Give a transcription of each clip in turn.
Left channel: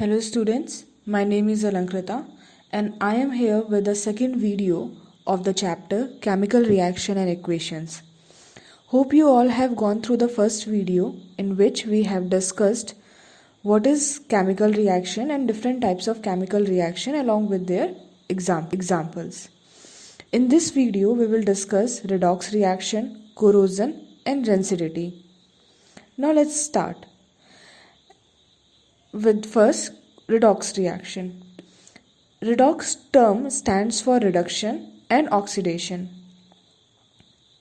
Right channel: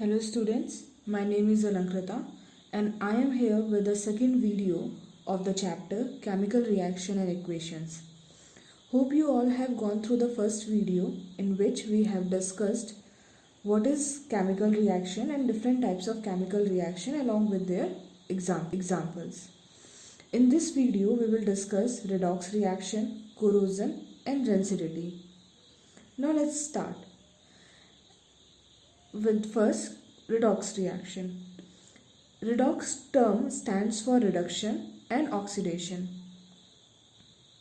Hello students, my name is Alankrita and I am here with the second video of the chapter Chemical Reaction and Equations. Hope you all have gone through the first video in which we have discussed what is chemical reaction and different types of chemical reaction along with their examples. In this video we will discuss redox reaction, corrosion and rancidity. Now let's start with first redox reaction. Redox term stands for reduction and oxidation.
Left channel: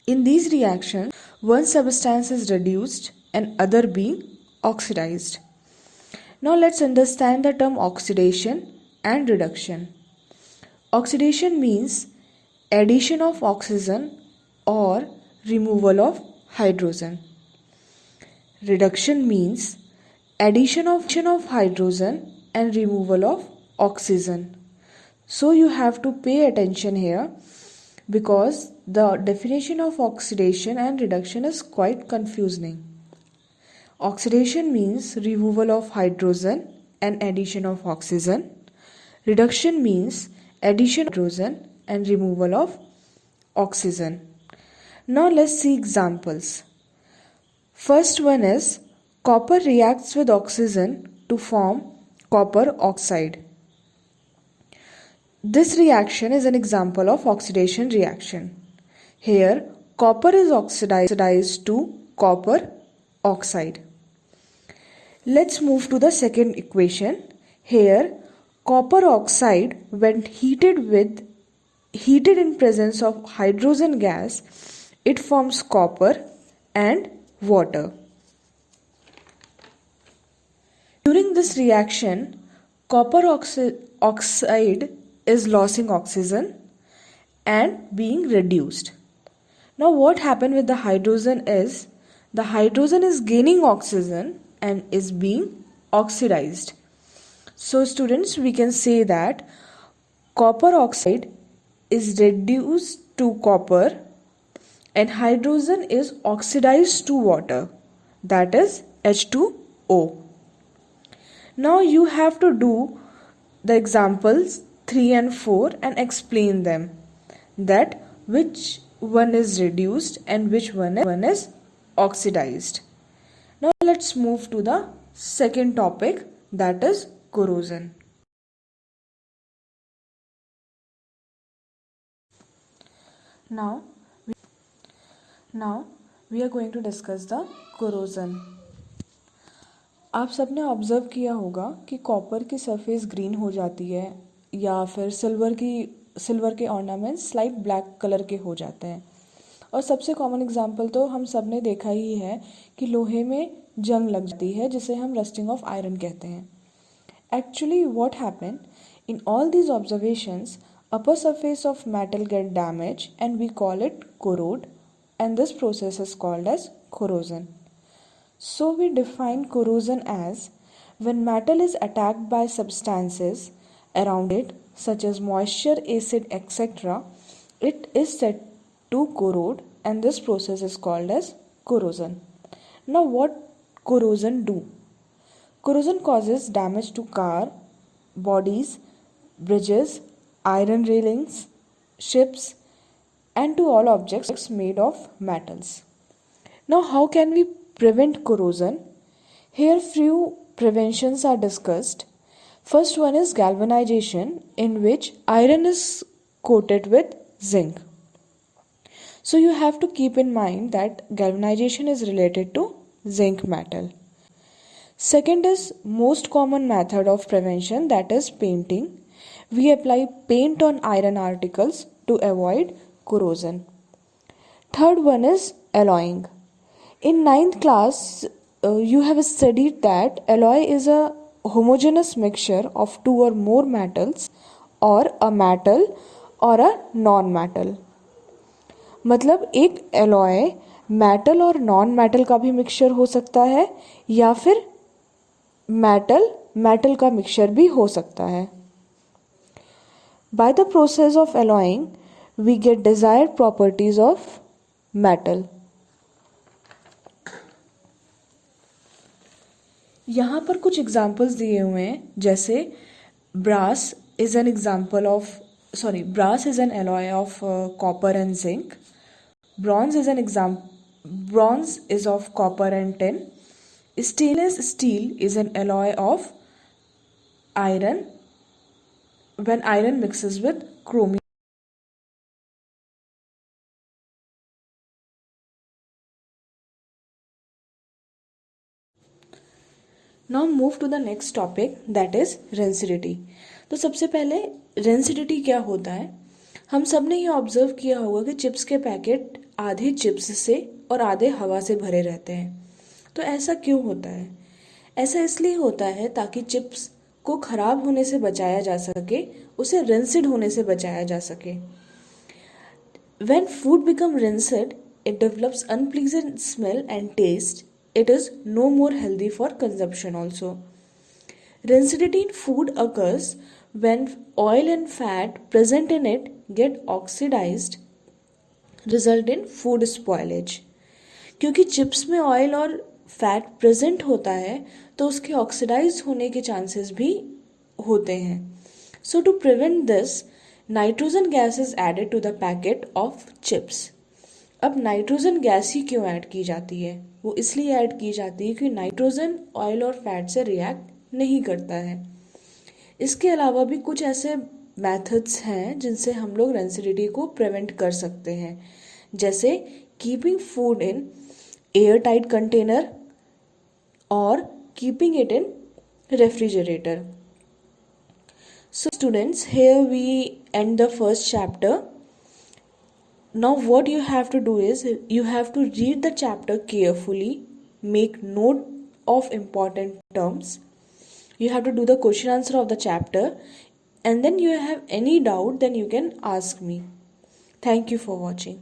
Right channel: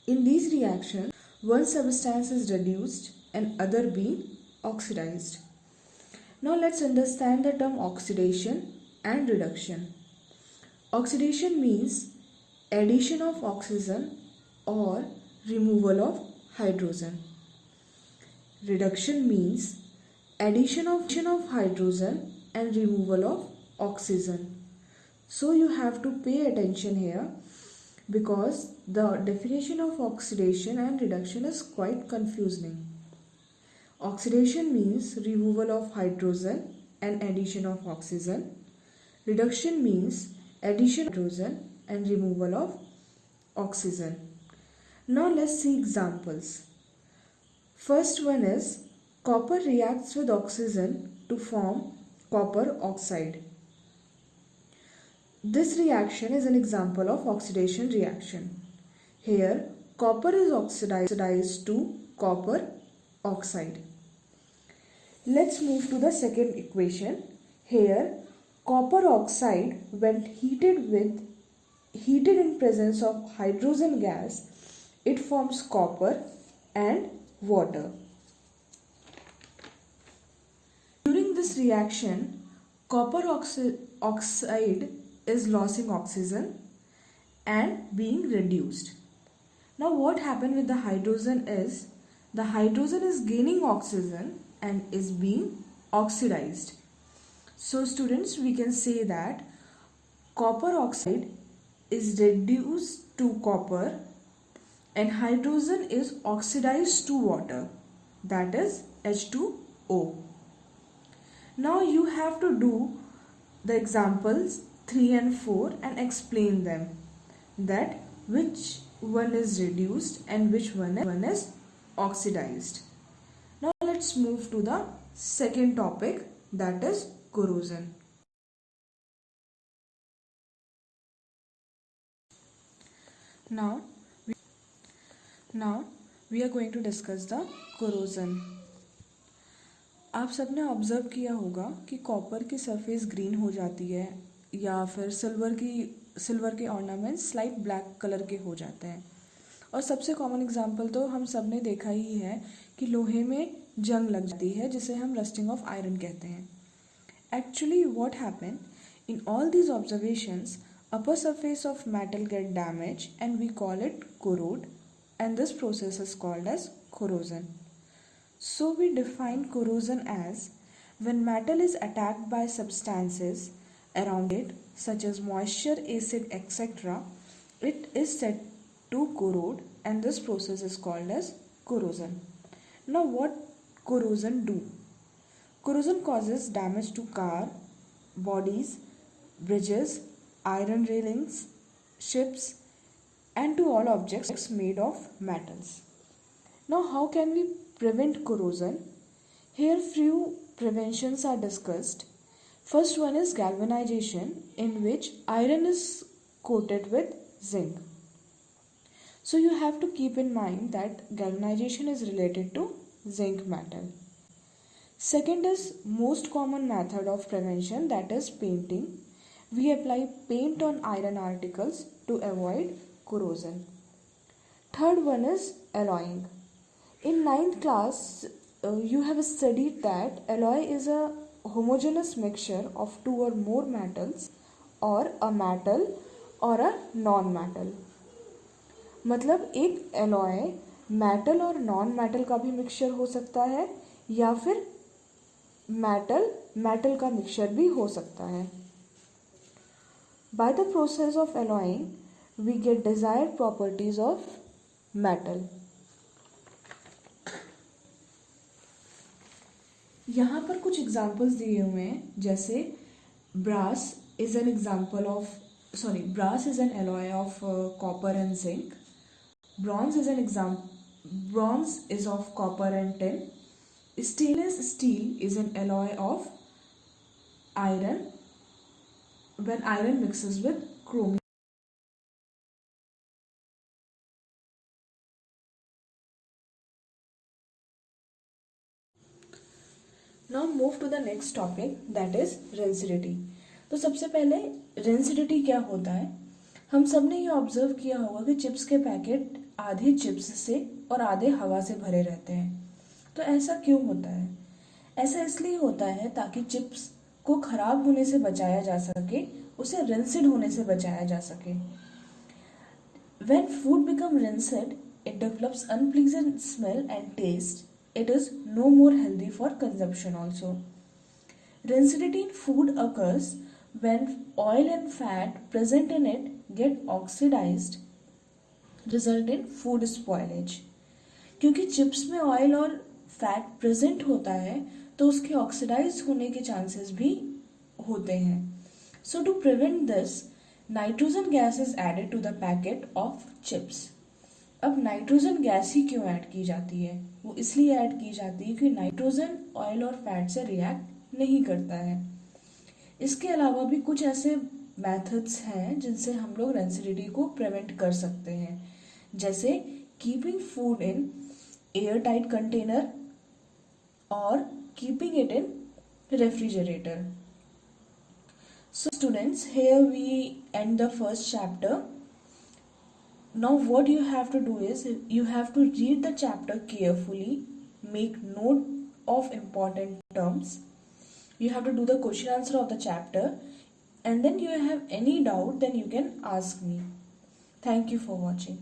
In these reactions, one substance is reduced and other being oxidized. Now let's understand the term oxidation and reduction. Oxidation means addition of oxygen or removal of hydrogen. Reduction means addition of hydrogen and removal of oxygen. So you have to pay attention here because the definition of oxidation and reduction is quite confusing. Oxidation means removal of hydrogen and addition of oxygen. Reduction means addition of hydrogen and removal of oxygen. Now let's see examples. First one is copper reacts with oxygen to form copper oxide. This reaction is an example of oxidation reaction. Here, copper is oxidized to copper oxide. Let's move to the second equation. Here, copper oxide when heated in presence of hydrogen gas, it forms copper and water. During this reaction, copper oxide is losing oxygen and being reduced. Now what happened with the hydrogen is, the hydrogen is gaining oxygen and is being oxidized. So students, we can say that copper oxide is reduced to copper and hydrogen is oxidized to water, that is H2O. Now you have to do the examples 3 and 4 and explain them, that which one is reduced and which one is oxidized. Now let's move to the second topic, that is corrosion. Now we are going to discuss the corrosion. आप सबने observe किया होगा कि copper की surface green हो जाती है या फिर सिल्वर के ऑर्नामेंट्स स्लाइट ब्लैक कलर के हो जाते हैं. और सबसे कॉमन एग्जांपल तो हम सब ने देखा ही है कि लोहे में जंग लग जाती है जिसे हम रस्टिंग ऑफ आयरन कहते हैं. Actually what happen in all these observations, upper surface of metal get damaged and we call it corrode, and this process is called as corrosion. So we define corrosion as when metal is attacked by substances around it such as moisture, acid, etc. It is said to corrode and this process is called as corrosion. Now what corrosion do? Corrosion causes damage to car, bodies, bridges, iron railings, ships and to all objects made of metals. Now how can we prevent corrosion? Here few preventions are discussed. First one is galvanization, in which iron is coated with zinc. So you have to keep in mind that galvanization is related to zinc metal. Second is most common method of prevention, that is painting. We apply paint on iron articles to avoid corrosion. Third one is alloying. In 9th class, you have studied that alloy is a homogeneous mixture of two or more metals or a metal or a non-metal. मतलब एक alloy metal और non-metal का भी mixture हो सकता है या फिर metal का mixture भी हो सकता है. By the process of alloying, we get desired properties of metal. यहाँ पर कुछ एग्जाम्पल्स दिए हुए हैं, जैसे brass is an example of brass is an alloy of copper and zinc. Bronze is of copper and tin. Stainless steel is an alloy of iron when iron mixes with chromium. Now move to the next topic, that is rancidity. तो सबसे पहले rancidity क्या होता है. हम सब ने ये ऑब्जर्व किया होगा कि चिप्स के पैकेट आधे चिप्स से और आधे हवा से भरे रहते हैं. तो ऐसा क्यों होता है? ऐसा इसलिए होता है ताकि चिप्स को खराब होने से बचाया जा सके, उसे रिंसिड होने से बचाया जा सके. When food becomes rinsed, it develops unpleasant smell and taste. It is no more healthy for consumption also. Rancidity in food occurs when oil and fat present in it get oxidized, result in food spoilage. क्योंकि chips में oil और fat present होता है तो उसके oxidise होने के chances भी होते हैं. So to prevent this, nitrogen gas is added to the packet of chips. अब नाइट्रोजन गैस ही क्यों ऐड की जाती है? वो इसलिए ऐड की जाती है क्योंकि नाइट्रोजन ऑयल और फैट से रिएक्ट नहीं करता है. इसके अलावा भी कुछ ऐसे मेथड्स हैं जिनसे हम लोग रेंसिडिटी को प्रिवेंट कर सकते हैं, जैसे keeping food in airtight container और keeping it in refrigerator. So students, here we end the first chapter. Now what you have to do is you have to read the chapter carefully, make note of important terms. You have to do the question answer of the chapter, and then you have any doubt then you can ask me. Thank you for watching.